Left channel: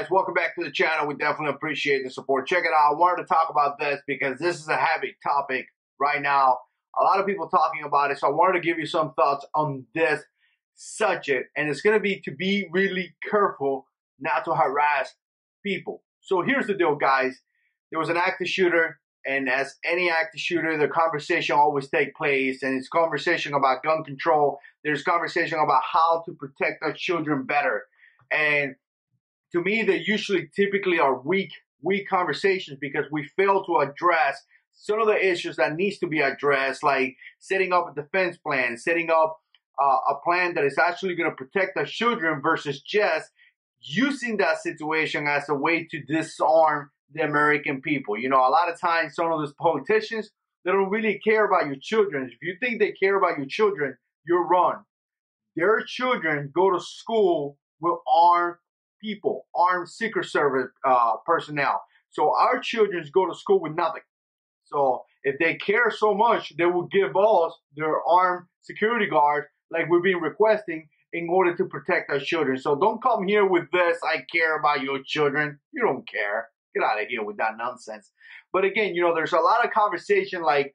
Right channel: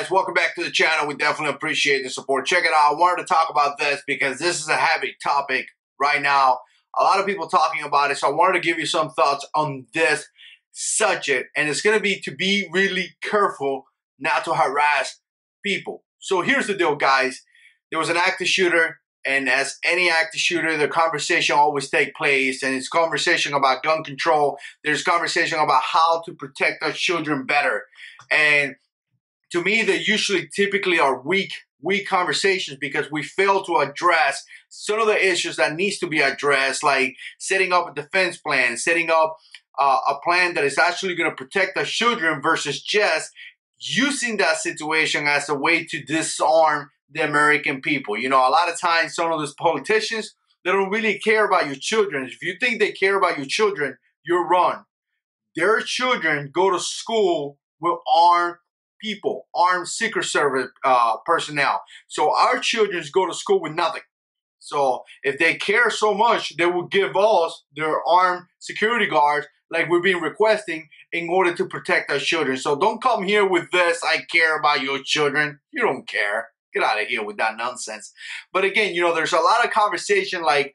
guys, welcome back to the channel. We definitely appreciate the support. Check it out. I wanted to talk about this because this is a heavy topic right now. A lot of people talking about it, so I wanted to give you some thoughts on this subject. And it's going to be really careful not to harass people. So here's the deal, guys. There was an active shooter, and as any active shooter, the conversation always takes place, and it's conversation about gun control. There's conversation about how to protect our children better. And to me, they typically are weak conversations because we fail to address some of the issues that needs to be addressed, like setting up a defense plan, setting up a plan that is actually going to protect our children versus just using that situation as a way to disarm the American people. You know, a lot of times some of those politicians, they don't really care about your children. If you think they care about your children, you're wrong. Their children go to school with armed people, armed Secret Service personnel. So our children go to school with nothing. So if they care so much, they will give us their armed security guards like we've been requesting in order to protect our children. So don't come here with this, I care about your children. You don't care. Get out of here with that nonsense. But again, you know, there's a lot of conversation like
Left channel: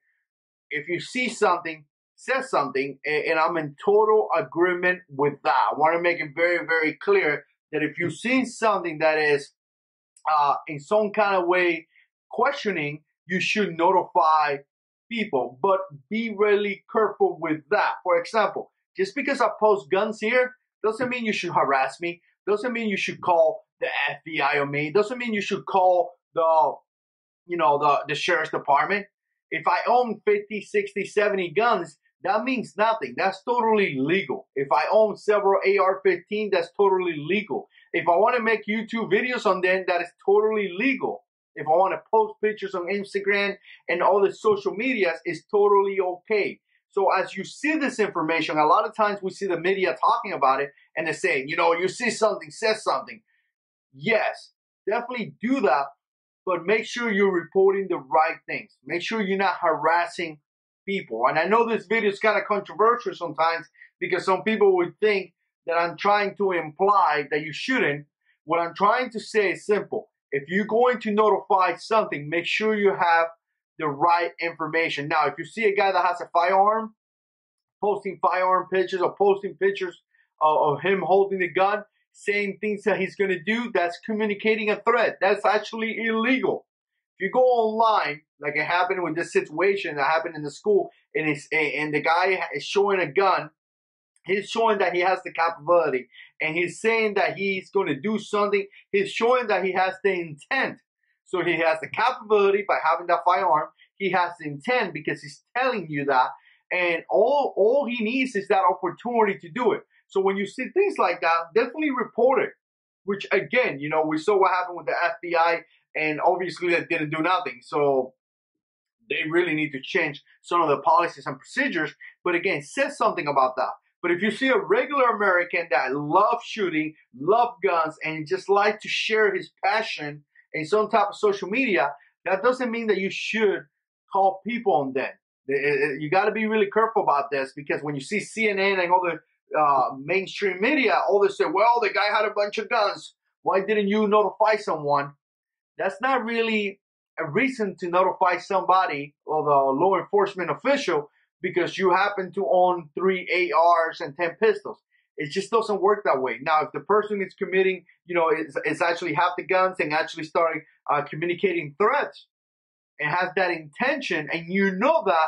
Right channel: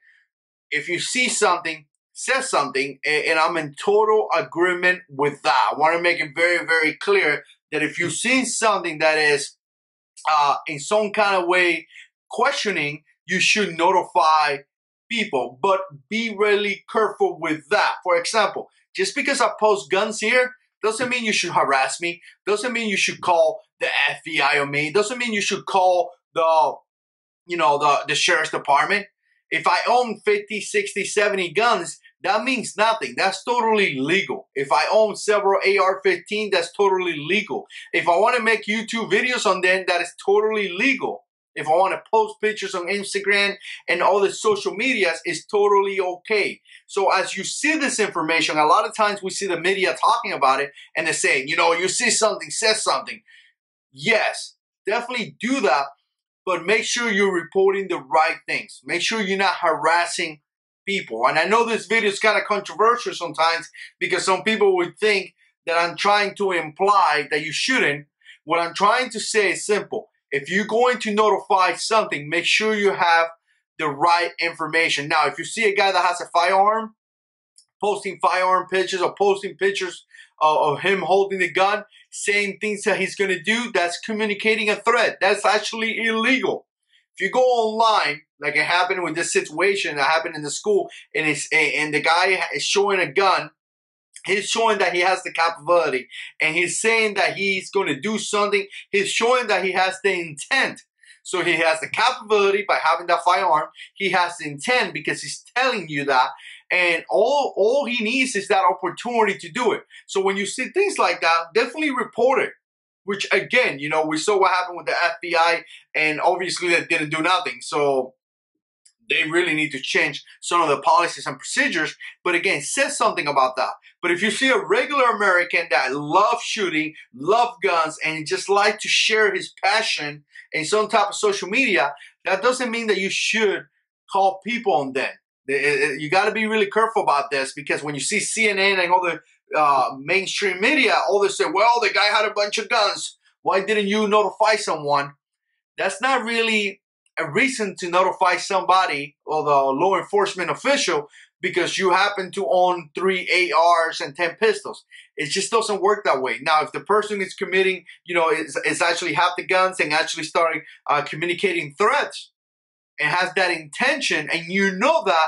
if you see something, say something, and I'm in total agreement with that. I want to make it very, very clear that if you see something that is in some kind of way questioning, you should notify people, but be really careful with that. For example, just because I post guns here doesn't mean you should harass me, doesn't mean you should call the FBI on me, doesn't mean you should call the sheriff's department. If I own 50, 60, 70 guns, that means nothing. That's totally legal. If I own several AR-15, that's totally legal. If I want to make YouTube videos on them, that is totally legal. If I want to post pictures on Instagram and all the social medias, it's totally okay. So as you see this information, a lot of times we see the media talking about it and they're saying, you know, you see something, say something. Yes, definitely do that, but make sure you're reporting the right things. Make sure you're not harassing people. And I know this video is kind of controversial sometimes because some people would think that I'm trying to imply that you shouldn't. What I'm trying to say is simple. If you're going to notify something, make sure you have the right information. Now, if you see a guy that has a firearm, posting firearm pictures or posting pictures of him holding the gun, saying things that he's going to do, that's communicating a threat. That's actually illegal. If you go online, like it happened with this situation that happened in the school, and the guy is showing a gun, he's showing that he has the capability, and he's saying that he's going to do something. He's showing that he has the intent. So he has the capability by having that firearm. He has the intent because he's telling you that. And all he needs is that opportunity to do it. So when you see things like that, definitely report it. Which again, you know, we saw what happened with the FBI, and obviously they didn't do nothing. So they really need to change some of the policies and procedures. But again, say something about that. But if you see a regular American that loves shooting, loves guns, and just like to share his passion in some type of social media, that doesn't mean that you should call people on them. You got to be really careful about this, because when you see CNN and all the mainstream media, all they say, well, the guy had a bunch of guns. Why didn't you notify someone? That's not really a reason to notify somebody or the law enforcement official because you happen to own 3 ARs and 10 pistols. It just doesn't work that way. Now, if the person is committing, you know, is actually have the guns and actually starting communicating threats and has that intention, and you know that,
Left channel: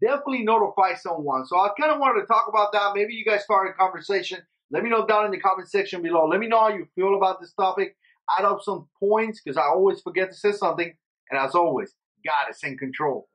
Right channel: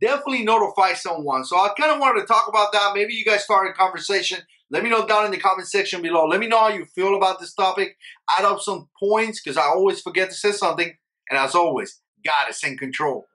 definitely notify someone. So I kind of wanted to talk about that. Maybe you guys started a conversation. Let me know down in the comment section below. Let me know how you feel about this topic. Add up some points because I always forget to say something. And as always, God is in control.